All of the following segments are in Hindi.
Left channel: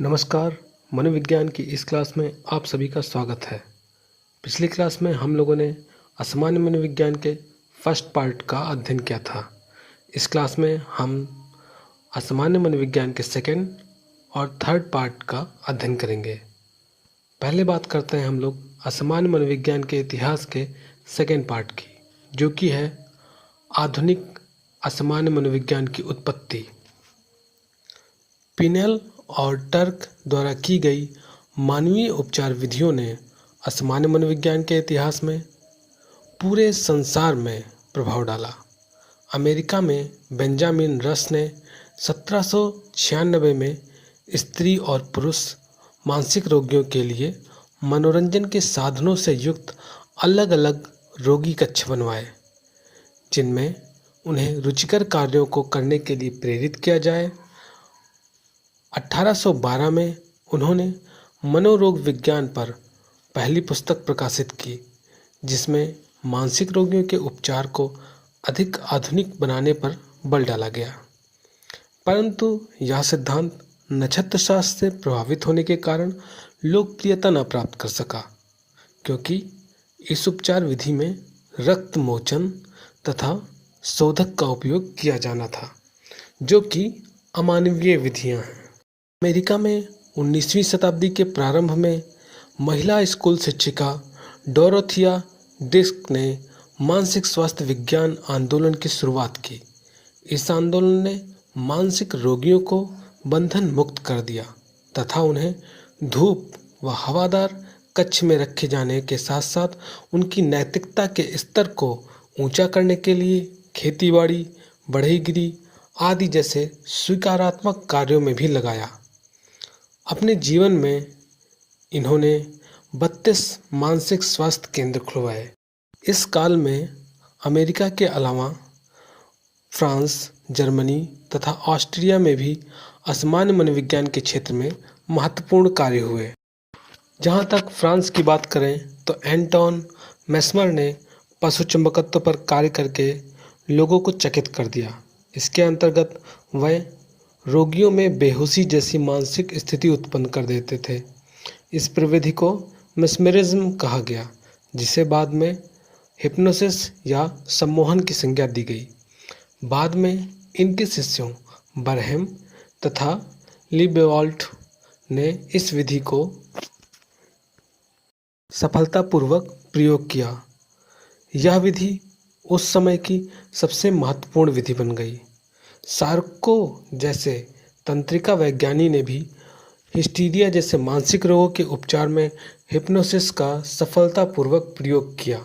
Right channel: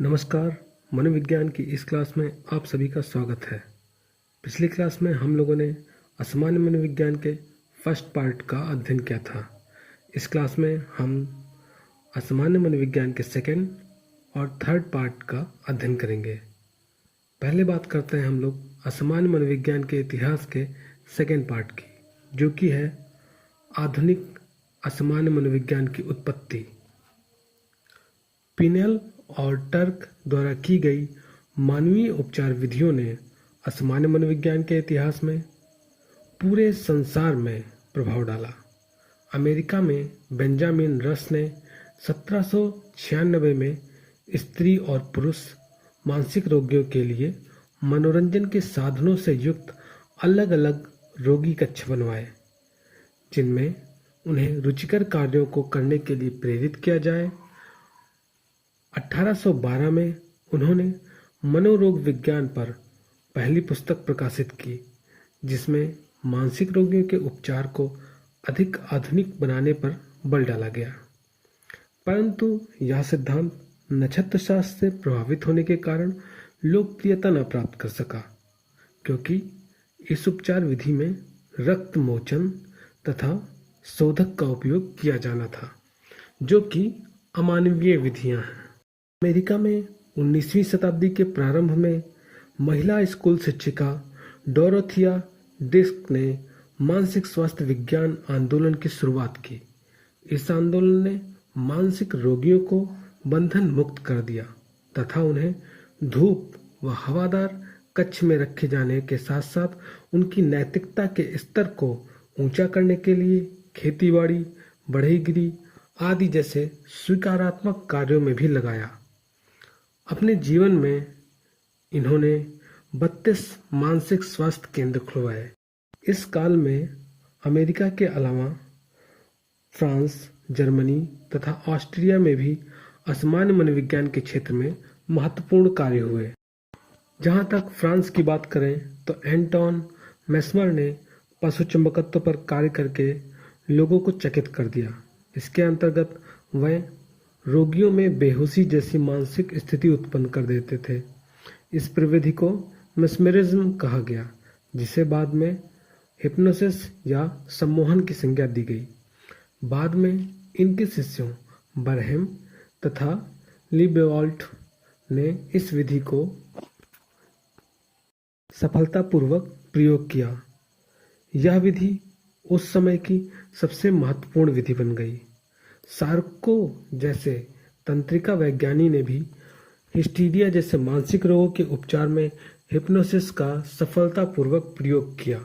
नमस्कार। मनोविज्ञान की इस क्लास में आप सभी का स्वागत है। पिछली क्लास में हम लोगों ने असामान्य मनोविज्ञान के फर्स्ट पार्ट का अध्ययन किया था। इस क्लास में हम असामान्य मनोविज्ञान के सेकंड और थर्ड पार्ट का अध्ययन करेंगे। पहले बात करते हैं हम लोग असामान्य मनोविज्ञान के इतिहास के सेकंड पार्ट की, जो कि है आधुनिक असामान्य मनोविज्ञान की उत्पत्ति। पिनेल और टर्क द्वारा की गई मानवीय उपचार विधियों ने असामान्य मनोविज्ञान के इतिहास में पूरे संसार में प्रभाव डाला। अमेरिका में बेंजामिन रस ने 1796 में स्त्री और पुरुष मानसिक रोगियों के लिए मनोरंजन के साधनों से युक्त अलग अलग रोगी कक्ष बनवाए, जिनमें उन्हें रुचिकर कार्यों को करने के लिए प्रेरित किया जाए। 1812 में उन्होंने मनोरोग विज्ञान पर पहली पुस्तक प्रकाशित की, जिसमें मानसिक रोगियों के उपचार को अधिक आधुनिक बनाने पर बल डाला गया। परंतु यह सिद्धांत नक्षत्र शास्त्र से प्रभावित होने के कारण लोकप्रियता न प्राप्त कर सका, क्योंकि इस उपचार विधि में रक्त मोचन तथा शोधक का उपयोग किया जाना था, जो कि अमानवीय विधियां हैं। अमेरिका में 19वीं शताब्दी के प्रारंभ में महिला स्कूल शिक्षिका डोरोथिया डिस्क ने मानसिक स्वास्थ्य विज्ञान आंदोलन की शुरुआत की। इस आंदोलन ने मानसिक रोगियों को बंधन मुक्त कर दिया तथा उन्हें धूप व हवादार कक्ष में रखे जाने के साथ साथ उनकी नैतिकता के स्तर को ऊंचा करने के लिए खेतीबाड़ी, बढ़ईगिरी आदि जैसे स्वीकारात्मक कार्यों में भी लगाया। अपने जीवन में इन्होंने 32 मानसिक स्वास्थ्य केंद्र खुलवाए। इस काल में अमेरिका के अलावा फ्रांस, जर्मनी तथा ऑस्ट्रिया में भी असामान्य मनोविज्ञान के क्षेत्र में महत्वपूर्ण कार्य हुए। जहाँ तक फ्रांस की बात करें तो एंटोन मेस्मर ने पशु चुंबकत्व पर कार्य करके लोगों को चकित कर दिया। इसके अंतर्गत वह रोगियों में बेहोशी जैसी मानसिक स्थिति उत्पन्न कर देते थे। इस प्रविधि को मेस्मरिज्म कहा गया, जिसे बाद में हिप्नोसिस या सम्मोहन की संज्ञा दी गई। बाद में इनके शिष्यों बरहेम तथा लिबेवाल्ट ने इस विधि को सफलतापूर्वक प्रयोग किया। यह विधि उस समय की सबसे महत्वपूर्ण विधि बन गई। सार्को जैसे तंत्रिका वैज्ञानी ने भी हिस्टीरिया जैसे मानसिक रोगों के उपचार में हिप्नोसिस का सफलतापूर्वक प्रयोग किया।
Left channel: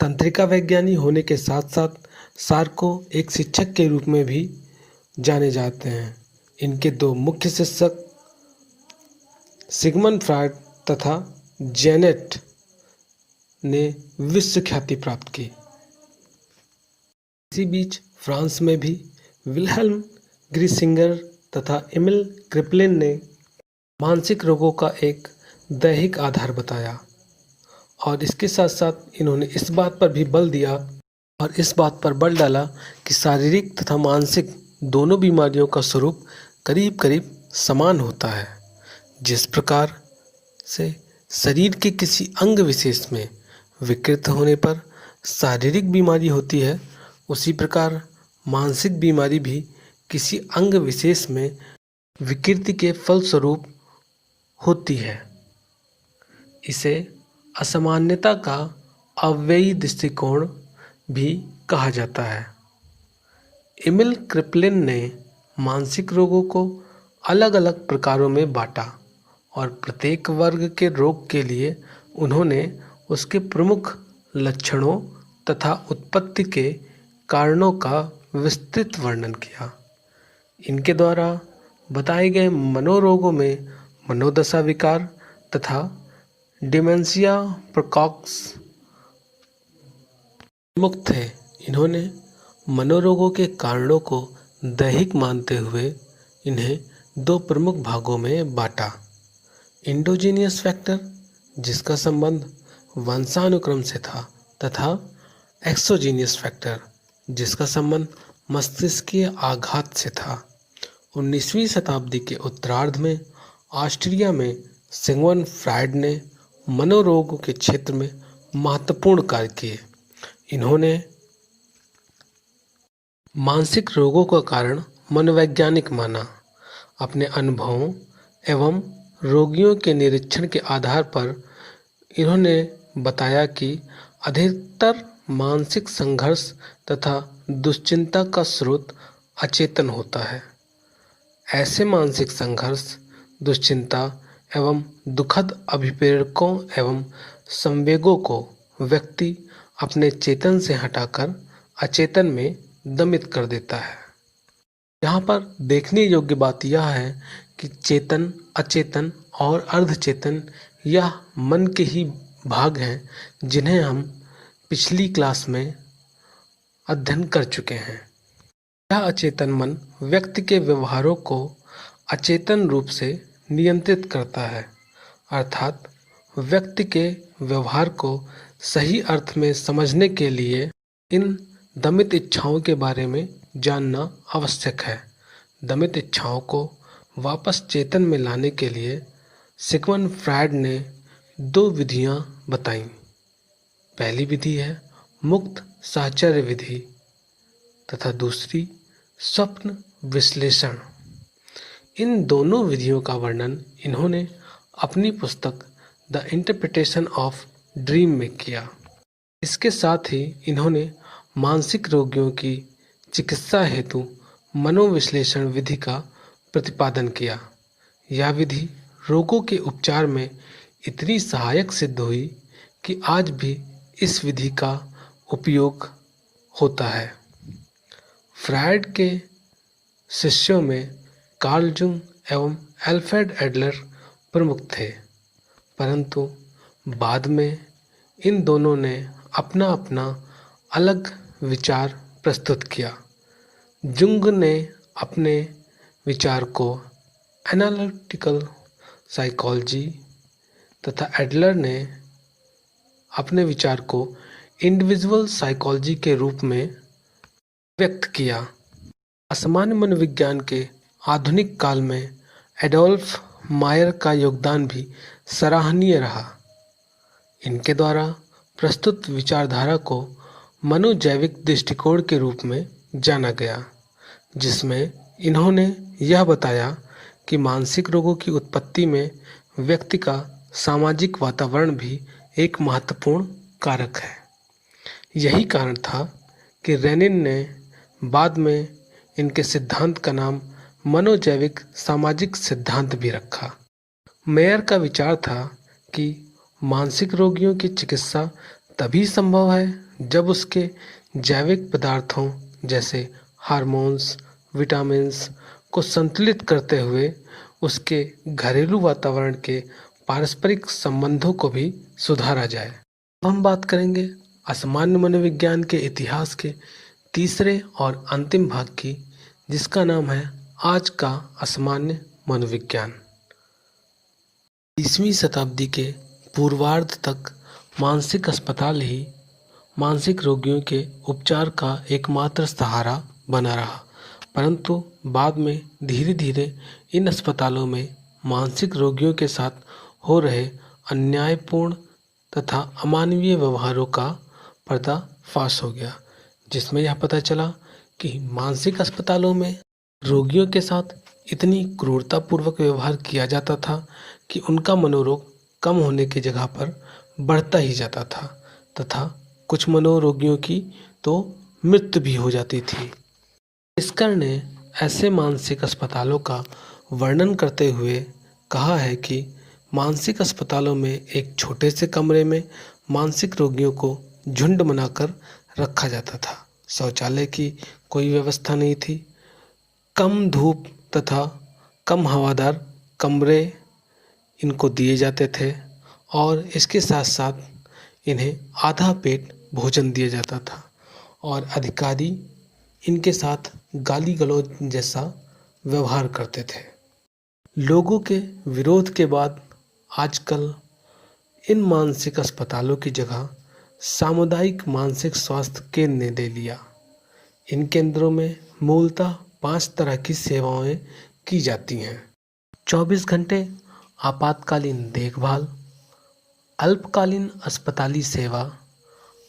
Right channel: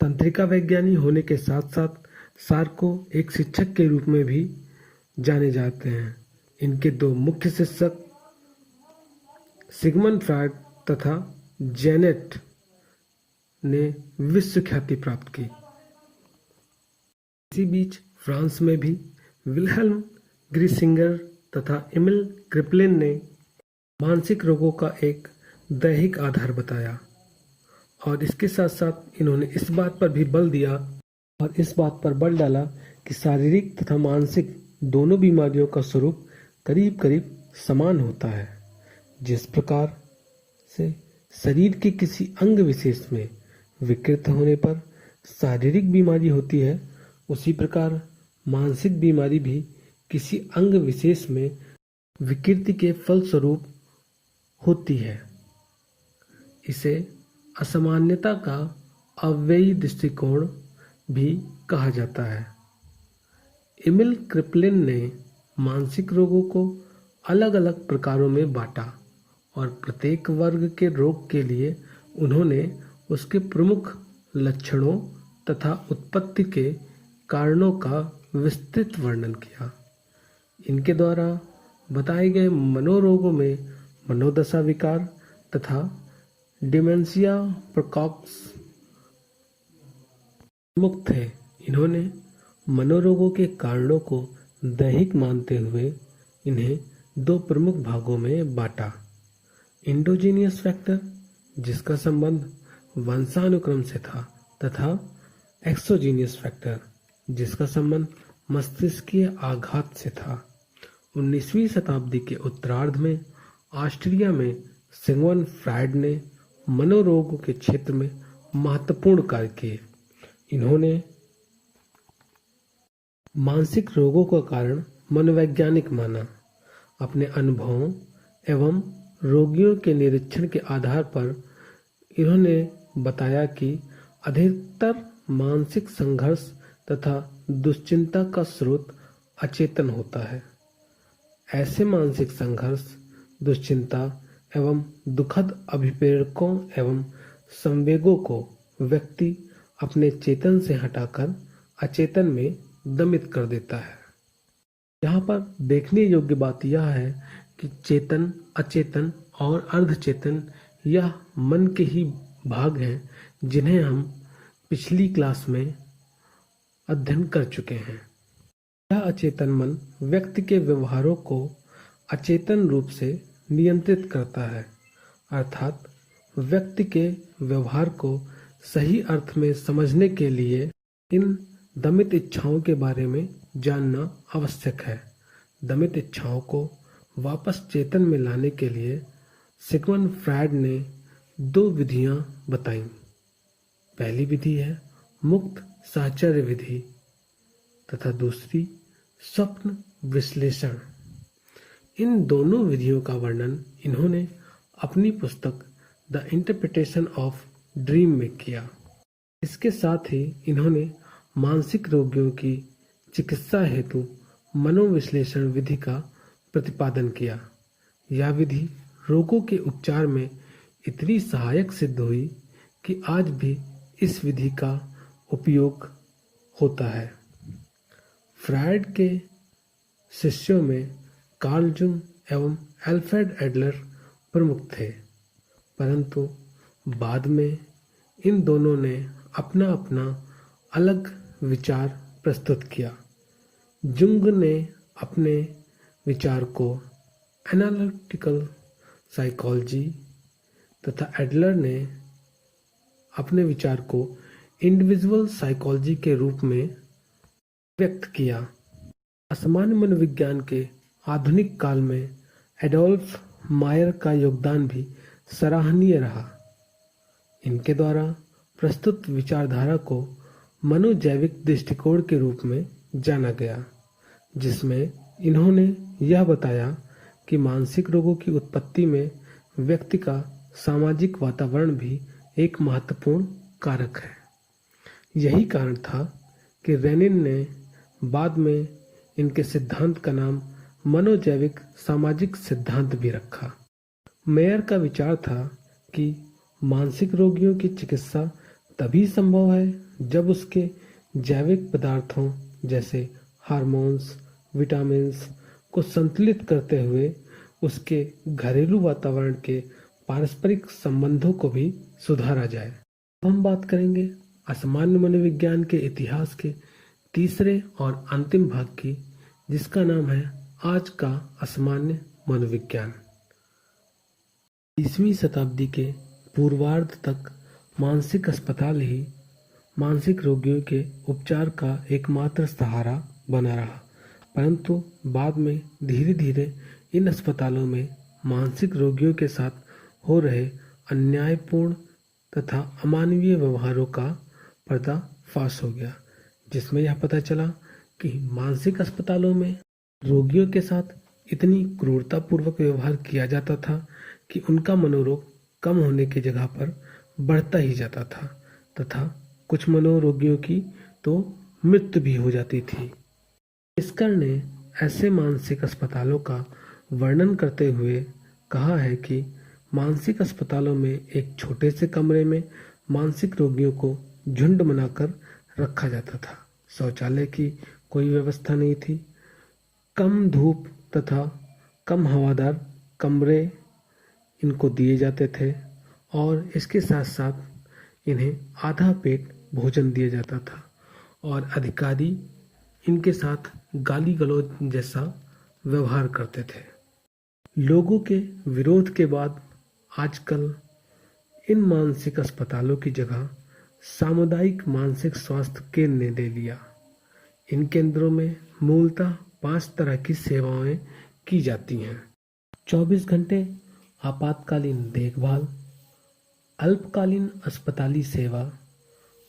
तंत्रिका वैज्ञानी होने के साथ साथ सार्को एक शिक्षक के रूप में भी जाने जाते हैं। इनके दो मुख्य शिक्षक सिगमंड फ्रायड तथा जेनेट ने विश्व ख्याति प्राप्त की। इसी बीच फ्रांस में भी विल्हेल्म ग्रीसिंगर तथा एमिल क्रिपलिन ने मानसिक रोगों का एक दैहिक आधार बताया, और इसके साथ साथ इन्होंने इस बात पर भी बल दिया और इस बात पर बल डाला कि शारीरिक तथा मानसिक दोनों बीमारियों का स्वरूप करीब करीब समान होता है। जिस प्रकार से शरीर के किसी अंग विशेष में विकृत होने पर शारीरिक बीमारी होती है, उसी प्रकार मानसिक बीमारी भी किसी अंग विशेष में विकृति के फलस्वरूप होती है। इसे असामान्यता का अव्ययी दृष्टिकोण भी कहा जाता है। एमिल क्रिपलिन ने मानसिक रोगों को अलग अलग प्रकारों में बांटा और प्रत्येक वर्ग के रोग के लिए उन्होंने उसके प्रमुख लक्षणों तथा उत्पत्ति के कारणों का विस्तृत वर्णन किया। इनके द्वारा बताए गए मनोरोगों में मनोदशा विकार तथा डिमेंशिया प्रेकॉक्स प्रमुख थे। इन्होंने मनोरोगों के कारणों को दैहिक मानते हुए इन्हें दो प्रमुख भागों में बांटा। इंडोजीनियस फैक्टर, जिसका संबंध वंशानुक्रम से था, तथा एक्सोजीनियस फैक्टर, जिसका संबंध मस्तिष्कीय आघात से था। 19वीं शताब्दी के उत्तरार्ध में ऑस्ट्रिया में सिगमंड फ्रायड ने मनोरोग के क्षेत्र में महत्वपूर्ण कार्य किए। इन्होंने मानसिक रोगों का कारण मनोवैज्ञानिक माना। अपने अनुभवों एवं रोगियों के निरीक्षण के आधार पर इन्होंने बताया कि अधिकतर मानसिक संघर्ष तथा दुश्चिंता का स्रोत अचेतन होता है। ऐसे मानसिक संघर्ष, दुश्चिंता एवं दुखद अभिप्रेरकों एवं संवेगों को व्यक्ति अपने चेतन से हटाकर अचेतन में दमित कर देता है। यहाँ पर देखने योग्य बात यह है कि चेतन, अचेतन और अर्धचेतन यह मन के ही भाग हैं जिन्हें हम पिछली क्लास में अध्ययन कर चुके हैं। यह अचेतन मन व्यक्ति के व्यवहारों को अचेतन रूप से नियंत्रित करता है, अर्थात व्यक्ति के व्यवहार को सही अर्थ में समझने के लिए इन दमित इच्छाओं के बारे में जानना आवश्यक है। दमित इच्छाओं को वापस चेतन में लाने के लिए सिगमंड फ्रायड ने 2 विधियां बताईं। पहली विधि है मुक्त साहचर्य विधि तथा दूसरी स्वप्न विश्लेषण। इन दोनों विधियों का वर्णन इन्होंने अपनी पुस्तक द इंटरप्रिटेशन ऑफ ड्रीम में किया। इसके साथ ही इन्होंने मानसिक रोगियों की चिकित्सा हेतु मनोविश्लेषण विधि का प्रतिपादन किया। यह विधि रोगों के उपचार में इतनी सहायक सिद्ध हुई कि आज भी इस विधि का उपयोग होता है। फ्रायड के शिष्यों में कार्ल जुंग एवं अल्फ्रेड एडलर प्रमुख थे, परंतु बाद में इन दोनों ने अपना अपना अलग विचार प्रस्तुत किया। जुंग ने अपने विचार को एनालिटिकल साइकोलॉजी तथा एडलर ने अपने विचार को इंडिविजुअल साइकोलॉजी के रूप में व्यक्त किया। असामान्य मनोविज्ञान के आधुनिक काल में एडोल्फ मायर का योगदान भी सराहनीय रहा। इनके द्वारा प्रस्तुत विचारधारा को मनोजैविक दृष्टिकोण के रूप में जाना गया, जिसमें इन्होंने यह बताया कि मानसिक रोगों की उत्पत्ति में व्यक्ति का सामाजिक वातावरण भी एक महत्वपूर्ण कारक है। यही कारण था कि रेनिन ने बाद में इनके सिद्धांत का नाम मनोजैविक सामाजिक सिद्धांत भी रखा। मेयर का विचार था कि मानसिक रोगियों की चिकित्सा तभी संभव है जब उसके जैविक पदार्थों जैसे हार्मोन्स, विटामिन्स को संतुलित करते हुए उसके घरेलू वातावरण के पारस्परिक संबंधों को भी सुधारा जाए। अब हम बात करेंगे असामान्य मनोविज्ञान के इतिहास के तीसरे और अंतिम भाग की, जिसका नाम है आज का असामान्य मनोविज्ञान। 20वीं शताब्दी के पूर्वार्ध तक मानसिक अस्पताल ही मानसिक रोगियों के उपचार का एकमात्र सहारा बना रहा, परंतु बाद में धीरे धीरे इन अस्पतालों में मानसिक रोगियों के साथ हो रहे अन्यायपूर्ण तथा अमानवीय व्यवहारों का पर्दाफाश हो गया, जिसमें यह पता चला कि मानसिक अस्पतालों में रोगियों के साथ इतनी क्रूरतापूर्वक व्यवहार किया जाता था कि उनका मनोरोग कम होने की जगह पर बढ़ता ही जाता था तथा कुछ मनोरोगियों की तो मृत्यु भी हो जाती थी। प्रिस्कर ने ऐसे मानसिक अस्पतालों का वर्णन करते हुए कहा है कि मानसिक अस्पतालों में एक छोटे से कमरे में मानसिक रोगियों को झुंड बनाकर रखा जाता था। शौचालय की कोई व्यवस्था नहीं थी। कम धूप तथा कम हवादार कमरे इनको दिए जाते थे और इसके साथ साथ इन्हें आधा पेट भोजन दिया जाता था और अधिकारी इनके साथ गाली गलौज जैसा व्यवहार करते थे। लोगों के विरोध के बाद आजकल इन मानसिक अस्पतालों की जगह सामुदायिक मानसिक स्वास्थ्य केंद्र ने ले लिया। इन केंद्रों में मूलतः 5 तरह की सेवाएं की जाती हैं। 24 घंटे आपातकालीन देखभाल, अल्पकालीन अस्पताली सेवा,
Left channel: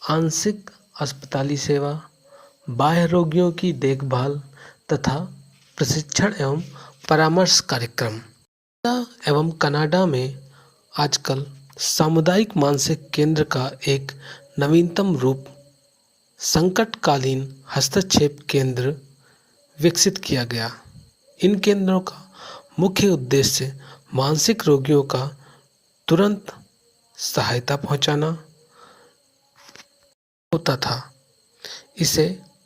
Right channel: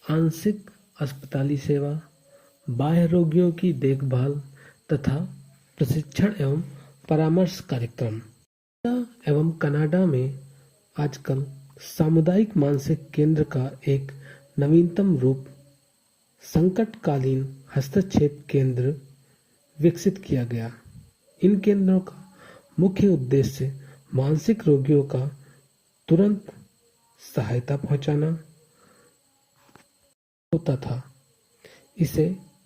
आंशिक अस्पताली सेवा, बाह्य रोगियों की देखभाल तथा प्रशिक्षण एवं परामर्श कार्यक्रम। एवं कनाडा में आजकल सामुदायिक मानसिक केंद्र का एक नवीनतम रूप संकटकालीन हस्तक्षेप केंद्र विकसित किया गया। इन केंद्रों का मुख्य उद्देश्य मानसिक रोगियों का तुरंत सहायता पहुंचाना होता था। इसे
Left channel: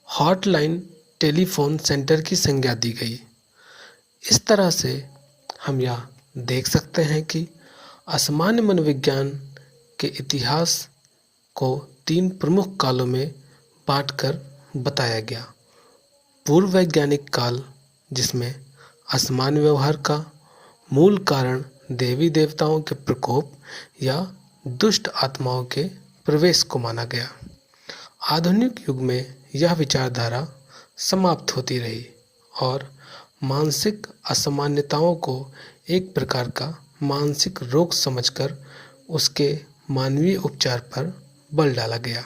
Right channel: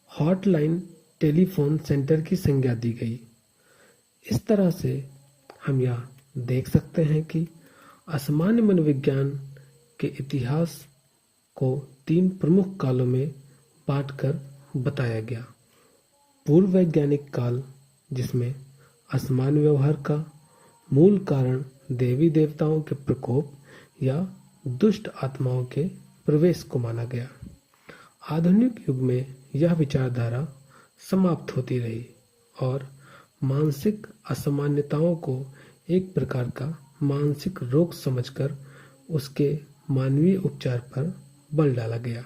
हॉटलाइन टेलीफोन सेंटर की संज्ञा दी गई। इस तरह से हम यह देख सकते हैं कि असामान्य मनोविज्ञान के इतिहास को 3 प्रमुख कालों में बांटकर बताया गया। पूर्व वैज्ञानिक काल, जिसमें असामान्य व्यवहार का मूल कारण देवी देवताओं के प्रकोप या दुष्ट आत्माओं के प्रवेश को माना गया। आधुनिक युग में यह विचारधारा समाप्त होती रही और मानसिक असामान्यताओं को एक प्रकार का मानसिक रोग समझकर उसके मानवीय उपचार पर बल डाला गया।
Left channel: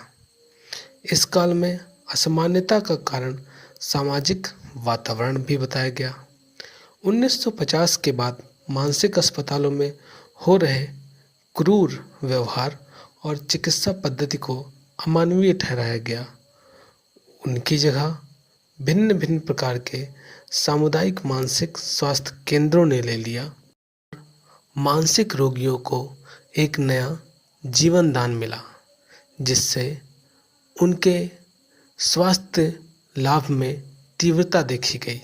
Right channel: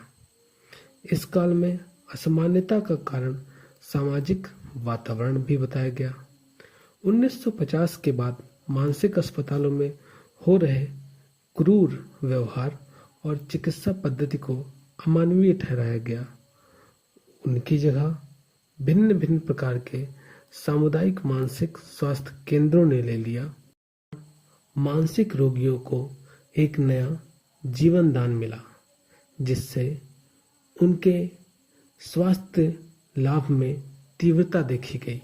इस काल में असामान्यता का कारण सामाजिक वातावरण भी बताया गया। 1950 के बाद मानसिक अस्पतालों में हो रहे क्रूर व्यवहार और चिकित्सा पद्धति को अमानवीय ठहराया गया। उनकी जगह भिन्न भिन्न प्रकार के सामुदायिक मानसिक स्वास्थ्य केंद्रों ने ले लिया। मानसिक रोगियों को एक नया जीवन दान मिला, जिससे उनके स्वास्थ्य लाभ में तीव्रता देखी गई।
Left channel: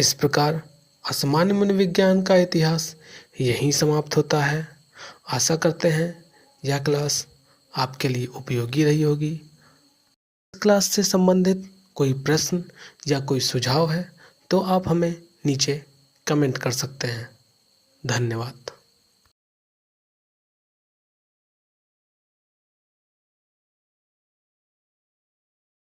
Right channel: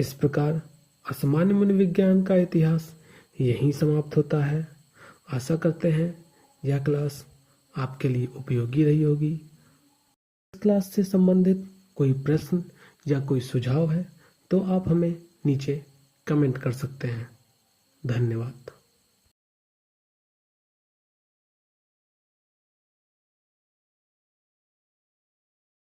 इस प्रकार असामान्य मनोविज्ञान का इतिहास यहीं समाप्त होता है। आशा करते हैं यह क्लास आपके लिए उपयोगी रही होगी। इस क्लास से संबंधित कोई प्रश्न या कोई सुझाव है तो आप हमें नीचे कमेंट कर सकते हैं। धन्यवाद।